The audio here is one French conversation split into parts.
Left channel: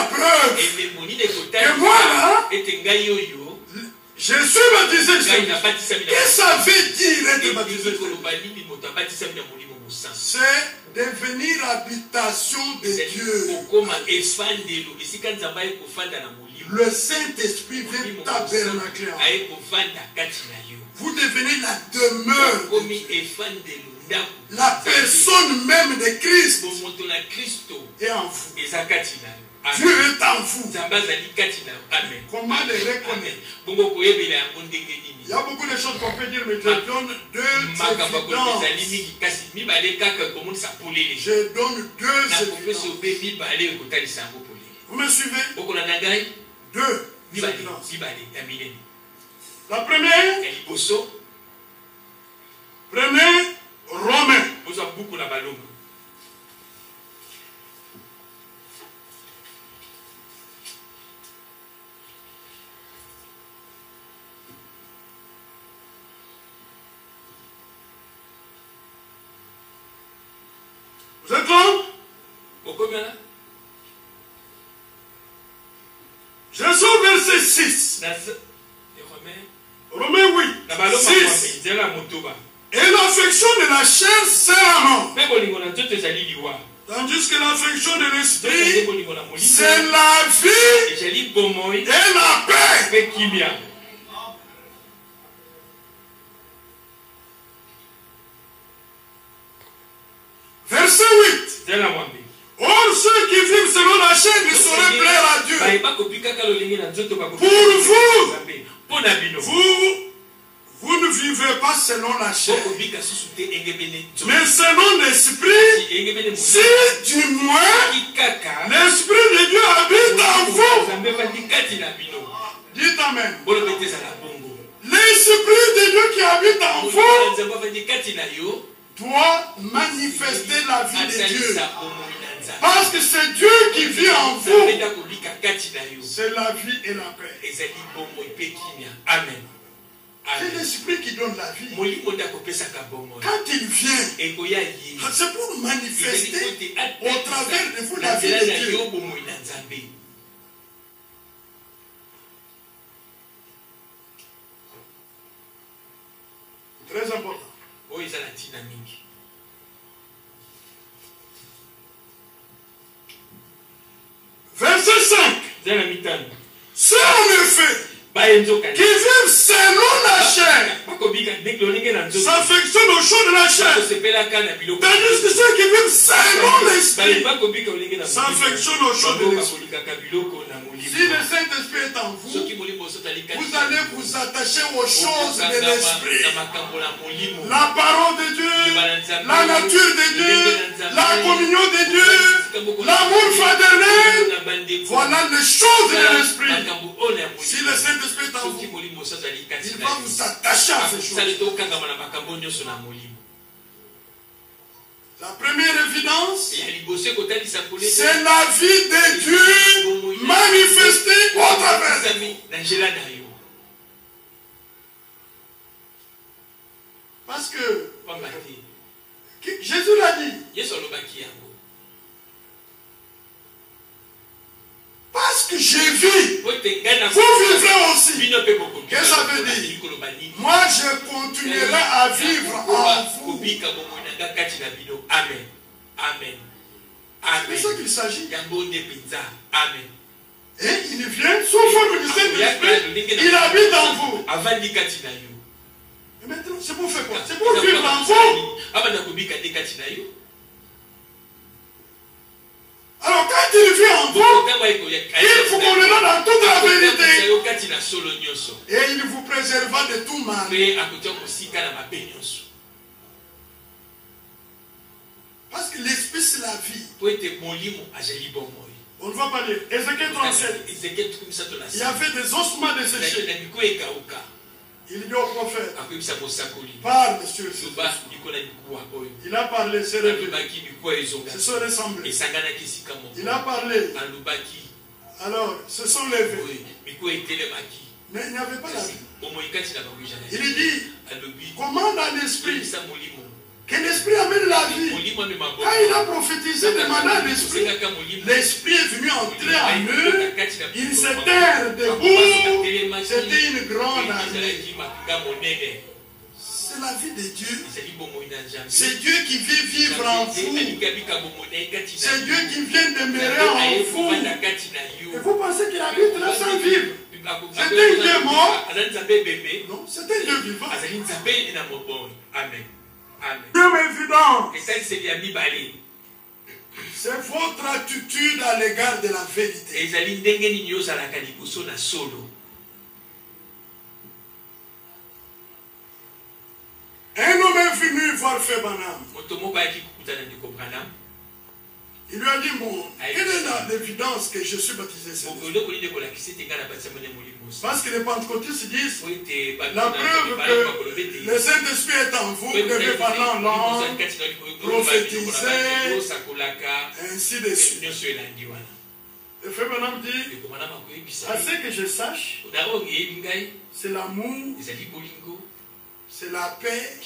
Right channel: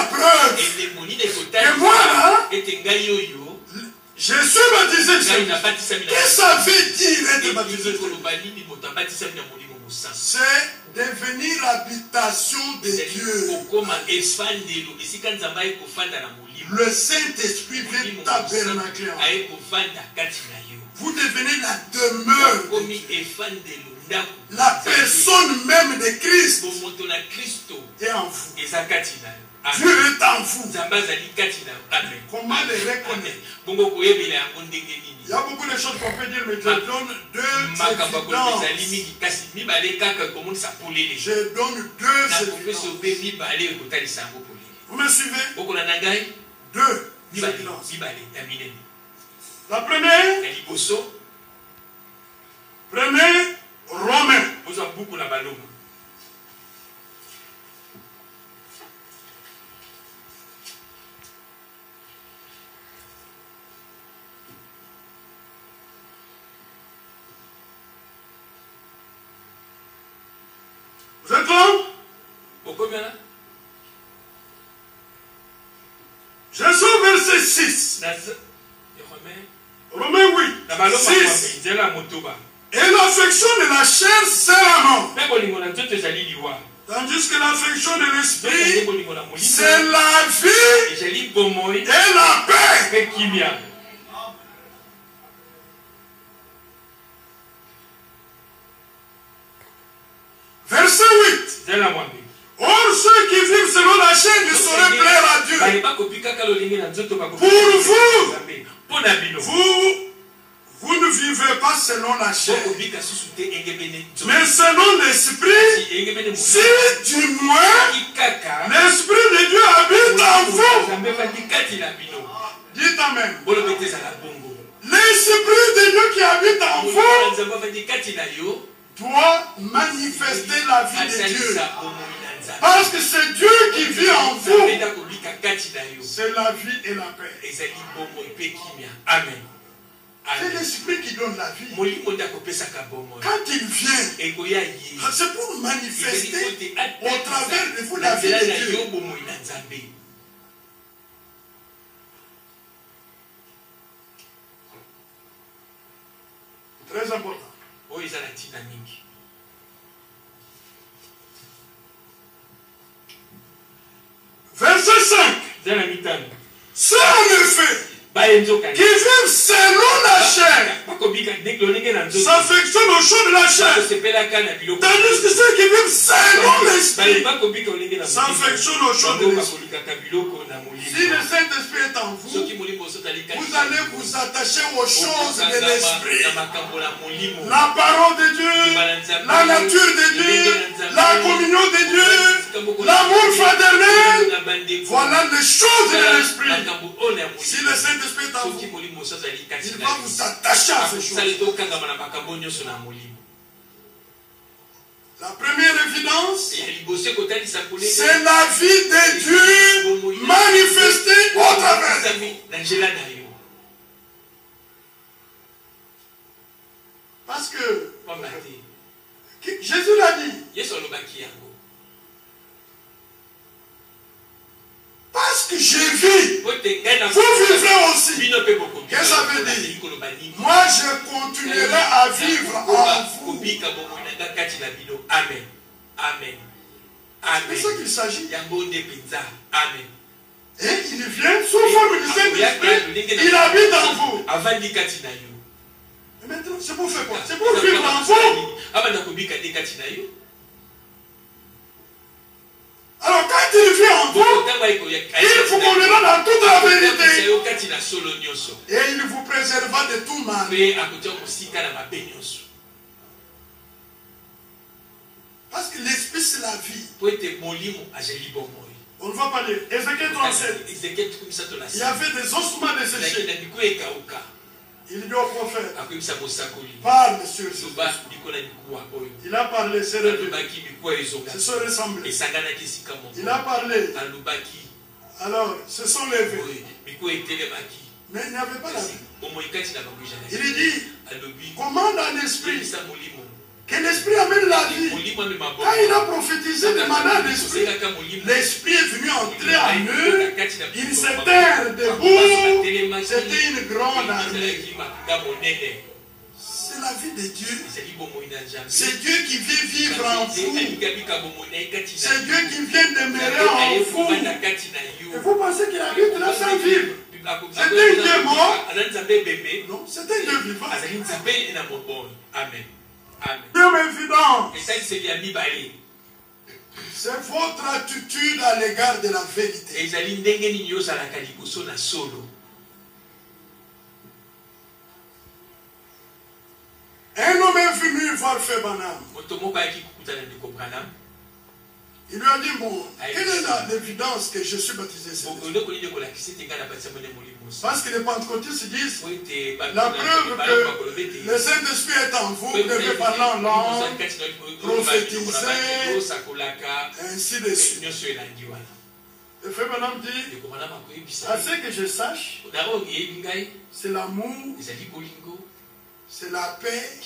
la preuve que moi là, je suis baptisé. Qu'est-ce que ça veut dire être baptisé? C'est devenir habitation de Dieu. Le Saint-Esprit vient tabernacler en vous. Vous devenez la demeure de Dieu. La personne même de Christ est en vous. Dieu est en vous. Comment le reconnaître? Il y a beaucoup de choses qu'on peut dire, mais je donne deux évidences. Je donne deux évidences. Vous me suivez? Deux évidences. La première, prenez Romains. Vous êtes là? Je suis au verset 6. Romains 8. 6. Et l'affection de la chair, c'est la mort. Tandis que l'affection de l'esprit, c'est la vie et la paix. Verset 8. Or, ceux qui vivent selon la chair ne sauraient plaire à Dieu. Pour vous ne vivez pas selon la chair, mais selon l'esprit, si du moins l'esprit de Dieu habite en vous. Dites Amen. L'esprit de Dieu qui habite en vous doit manifester la vie de Dieu. Parce que c'est Dieu qui vit en vous. C'est la vie et la paix. Amen. C'est l'esprit qui donne la vie. Quand il vient, c'est pour manifester au travers de vous la vie de Dieu. Très important. Verset 5. C'est en effet qui vivent selon la chair s'affectionnent au chaud de la chair. Tandis que ceux qui vivent selon l'esprit s'affectionnent au chaud de l'esprit. Si le Saint-Esprit est en vous, vous allez vous attacher aux choses de l'esprit. La parole de Dieu, la nature de Dieu, la communion de Dieu, l'amour fraternel. Voilà les choses de l'esprit. Si le Saint-Esprit est en vous, il va vous attacher à ces choses. La première évidence, c'est la vie de Dieu manifestée au travers de vous. Parce que Jésus l'a dit. Parce que je vis, vous vivrez aussi. Qu'est-ce que ça veut dire? Moi, je continuerai à vivre en vous. Amen. Amen. C'est ça qu'il s'agit. Amen. Et il vient sous forme du Saint-Esprit. Il habite en vous. Et maintenant, c'est pour faire quoi? C'est pour vivre en vous. Alors quand il vit en vous, il vous conduira dans toute la vérité. Et il vous préservera de tout mal. Parce que l'esprit c'est la vie. On ne va pas lire. Ézéchiel 37. Il y avait des ossements desséchés. Il dit au prophète, parle monsieur. Il a parlé, c'est révélé. Se sont ressemblés. Il a parlé. Alors, se sont levés. Mais il n'y avait pas la vie. Il dit, comment dans l'esprit que l'esprit amène la vie. Quand il a prophétisé demandant l'esprit, l'esprit est venu entrer en eux, ils s'étaient debout, c'était une grande armée. C'est la vie de Dieu. C'est Dieu qui vient vivre en vous. C'est Dieu qui vient demeurer en vous. Et vous pensez qu'il habite là sans vivre? C'était un Dieu mort? Non, c'était un Dieu vivant. Amen. Amen. Dieu évident. C'est votre attitude à l'égard de la vérité. Un homme est venu voir Frère Branham. Il lui a dit, bon, quelle est l'évidence que je suis baptisé? Parce que les pentecôtistes disent, la preuve que le Saint-Esprit est en vous, vous devez parler en langue, prophétiser, ainsi de suite. Le Frère Branham dit, à ce que je sache, c'est l'amour, c'est la paix.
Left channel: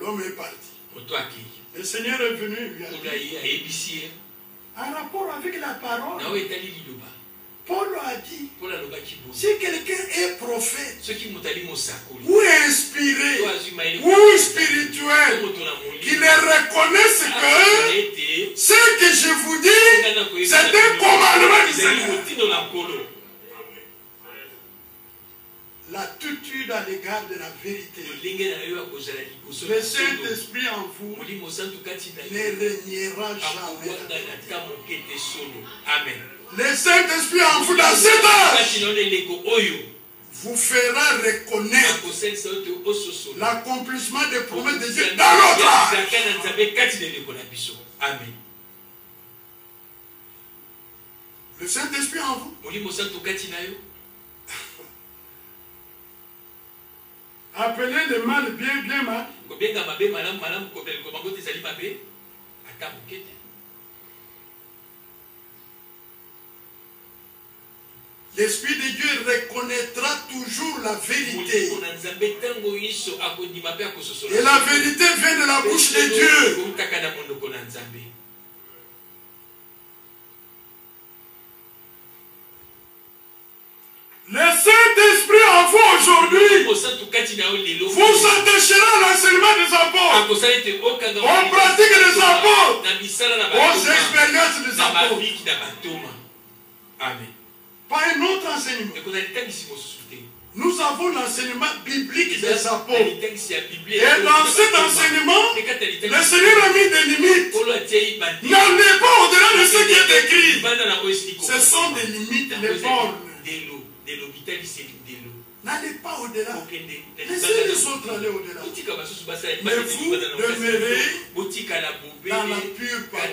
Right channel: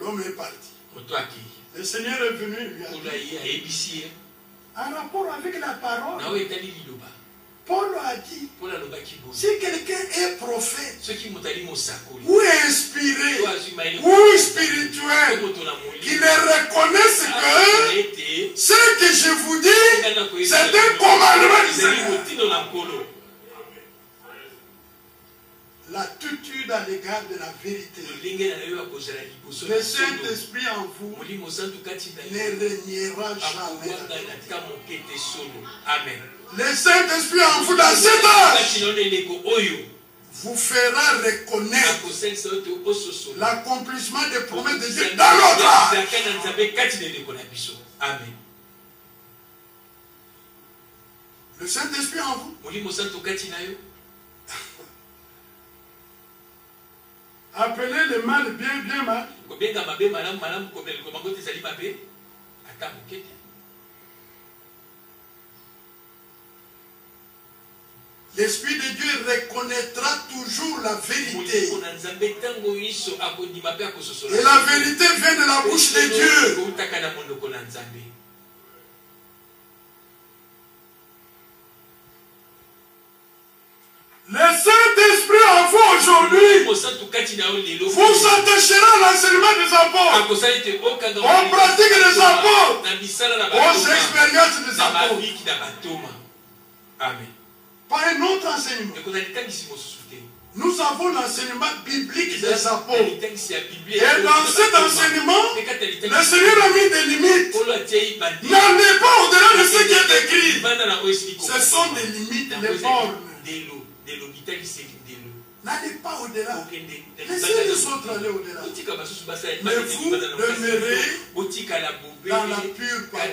L'homme est parti. Le Seigneur est venu, lui a dit, en rapport avec la parole, Paul a dit, si quelqu'un est prophète, ou inspiré, ou spirituel, qu'il reconnaisse que ce que je vous dis, c'est un commandement du Seigneur. L'attitude à l'égard de la vérité. Le Saint-Esprit en vous ne régnera jamais. Amen. Le Saint-Esprit en vous dans cet âge vous fera reconnaître l'accomplissement des promesses de Dieu dans l'autre âge. Amen. Le Saint-Esprit en vous. Appelez le mal bien mal. L'Esprit de Dieu reconnaîtra toujours la vérité. Et la vérité vient de la bouche de Dieu. Le Saint-Esprit en vous aujourd'hui vous attachera à l'enseignement des apôtres, aux pratiques des apôtres, aux expériences des apôtres. Amen. Pas un autre enseignement. Nous avons l'enseignement biblique des apôtres. Et dans cet enseignement, le Seigneur a mis des limites. N'allez pas au-delà de ce qui est écrit. Ce sont des limites, des bornes. N'allez pas au-delà. Laissez les autres aller au-delà. Mais vous demeurez dans la pure parole.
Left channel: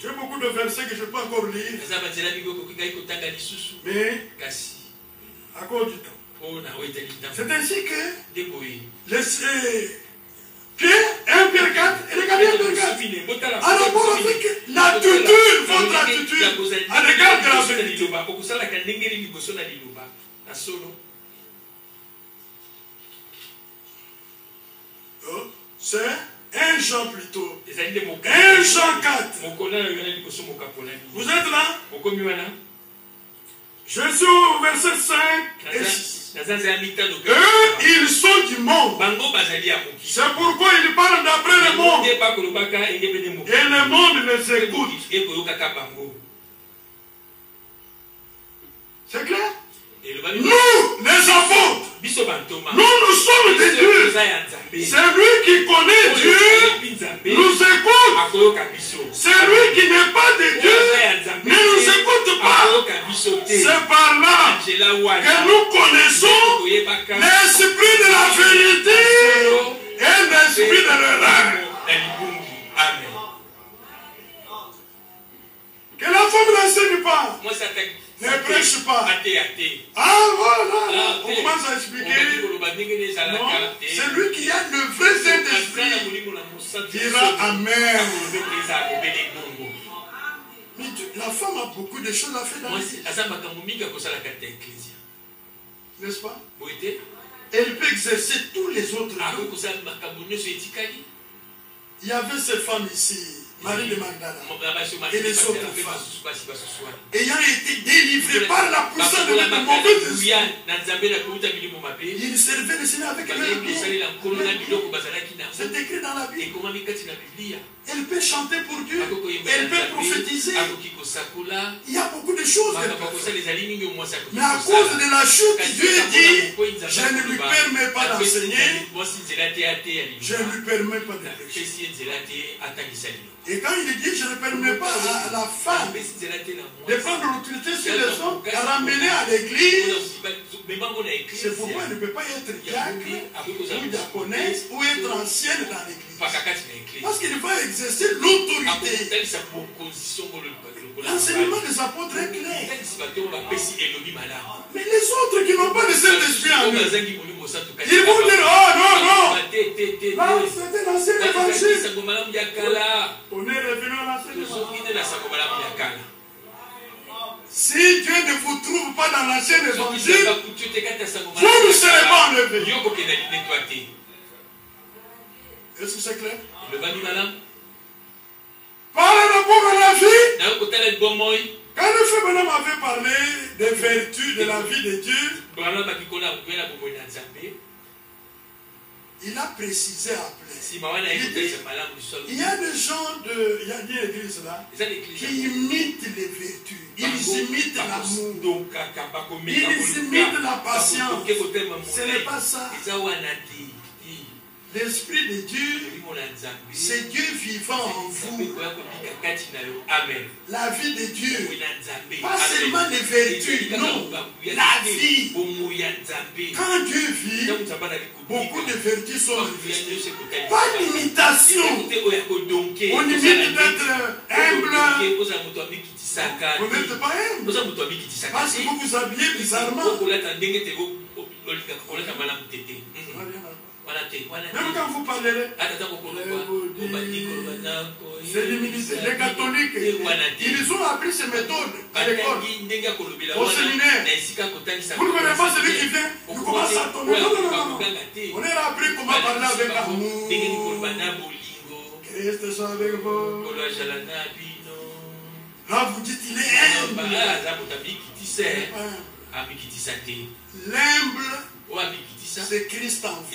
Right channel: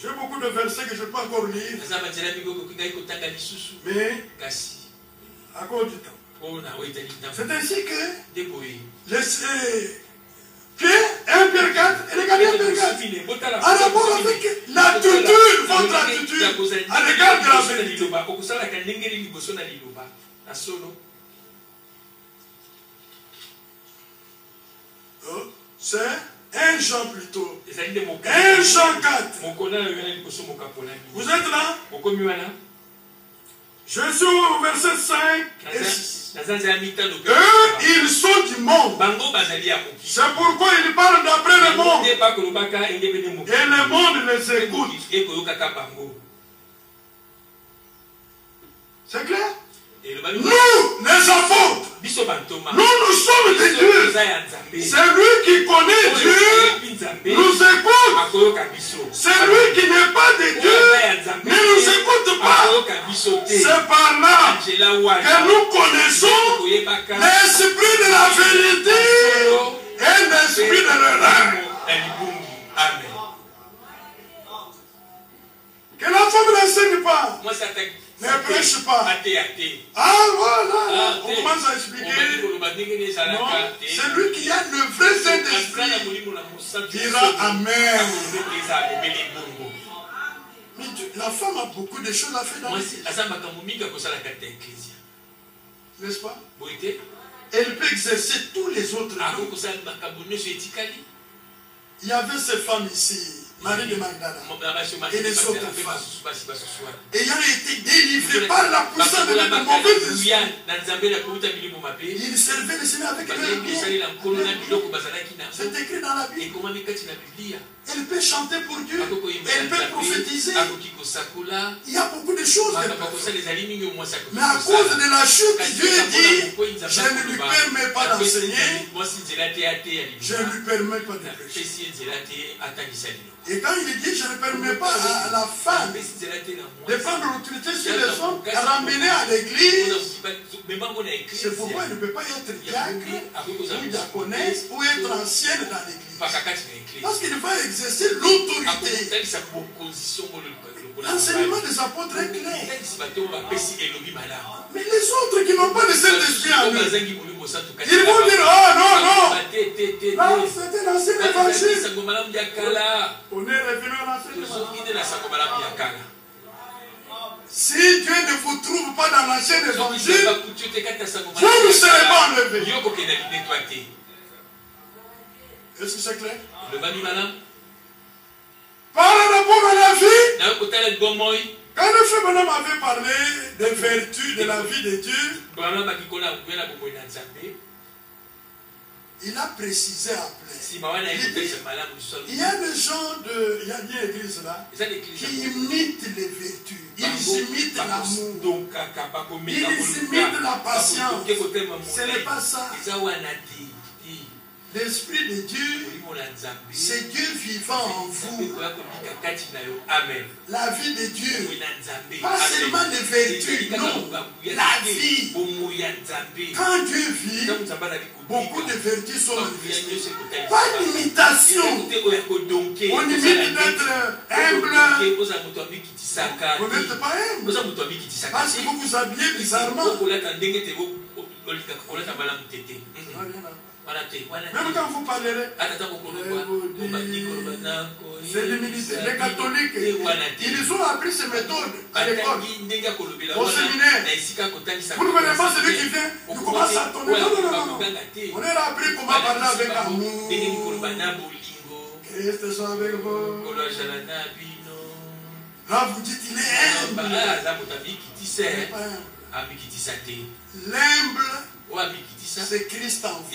J'ai beaucoup de versets que je ne peux pas encore lire. Mais à cause du temps. C'est ainsi que Pierre, 1 Pierre 4, et regardez 1 Pierre 4. En rapport avec l'attitude, votre attitude à l'égard de la vérité. C'est 1 Jean plutôt. 1 Jean 4. Vous êtes là? Je suis au verset 5 et 6. Eux, ils sont du monde. C'est pourquoi ils parlent d'après le monde. Et le monde les écoute. C'est clair? Nous, les apôtres, nous sommes des dieux. Celui qui connaît Dieu nous écoute. Celui qui n'est pas de Dieu ne nous écoute pas. C'est par là que nous connaissons l'esprit de la vérité et l'esprit de l'erreur. Que la femme n'enseigne pas. Ne prêche pas. Ah voilà, on commence à expliquer. Non, celui qui a le vrai Saint-Esprit dira Amen. Mais la femme a beaucoup de choses à faire dans la vie. N'est-ce pas? Elle peut exercer tous les autres dons. Il y avait cette femme ici, Marie de Magdala, et les autres femmes, ayant été délivrées par la puissance de la mauvaise esprit, ils servaient le Seigneur avec leur bien. C'est écrit dans la Bible. Elle peut chanter pour Dieu, elle peut prophétiser. Il y a beaucoup de choses qu'elle peut faire. Mais à cause de la chute, Dieu dit, je ne lui permets pas d'enseigner, je ne lui permets pas de prêcher. Et quand il dit, je ne permets pas à la femme de prendre l'autorité sur les hommes, à ramener à l'église, c'est pourquoi elle ne peut pas être diacre, ou diaconesse, ou être ancienne dans l'église. Parce qu'il va exercer l'autorité. L'enseignement des apôtres est clair. Mais les autres qui n'ont pas de Saint-Esprit en eux, ils vont dire, oh non, non, là c'était l'ancien évangile. On est revenu à l'ancien évangile. Si Dieu ne vous trouve pas dans l'ancien évangile, vous ne serez pas enlevés. Est-ce que c'est clair? Par rapport à la vie, quand le frère Branham avait parlé des vertus de la vie de Dieu, il a précisé après. Il y a des gens il y a une église là, qui imitent les vertus, ils imitent l'amour, ils imitent la patience. Ce n'est pas ça. L'Esprit de Dieu, c'est Dieu vivant en vous. La vie de Dieu, pas seulement les vertus, non, la vie. Quand Dieu vit, beaucoup de vertus sont manifestées. Pas d'imitation. On imite d'être humble. Vous n'êtes pas humble. Parce que vous vous habillez bizarrement. Même quand vous parlerez, c'est l'humilité. Les catholiques, ils ont appris ces méthodes à l'école, au séminaire. Vous ne connaissez pas celui qui vient, il commence à tomber. Non, non, non, non. On a appris comment parler avec amour. Christ soit avec vous. Là, vous dites, il est humble. L'humble, c'est Christ en vous.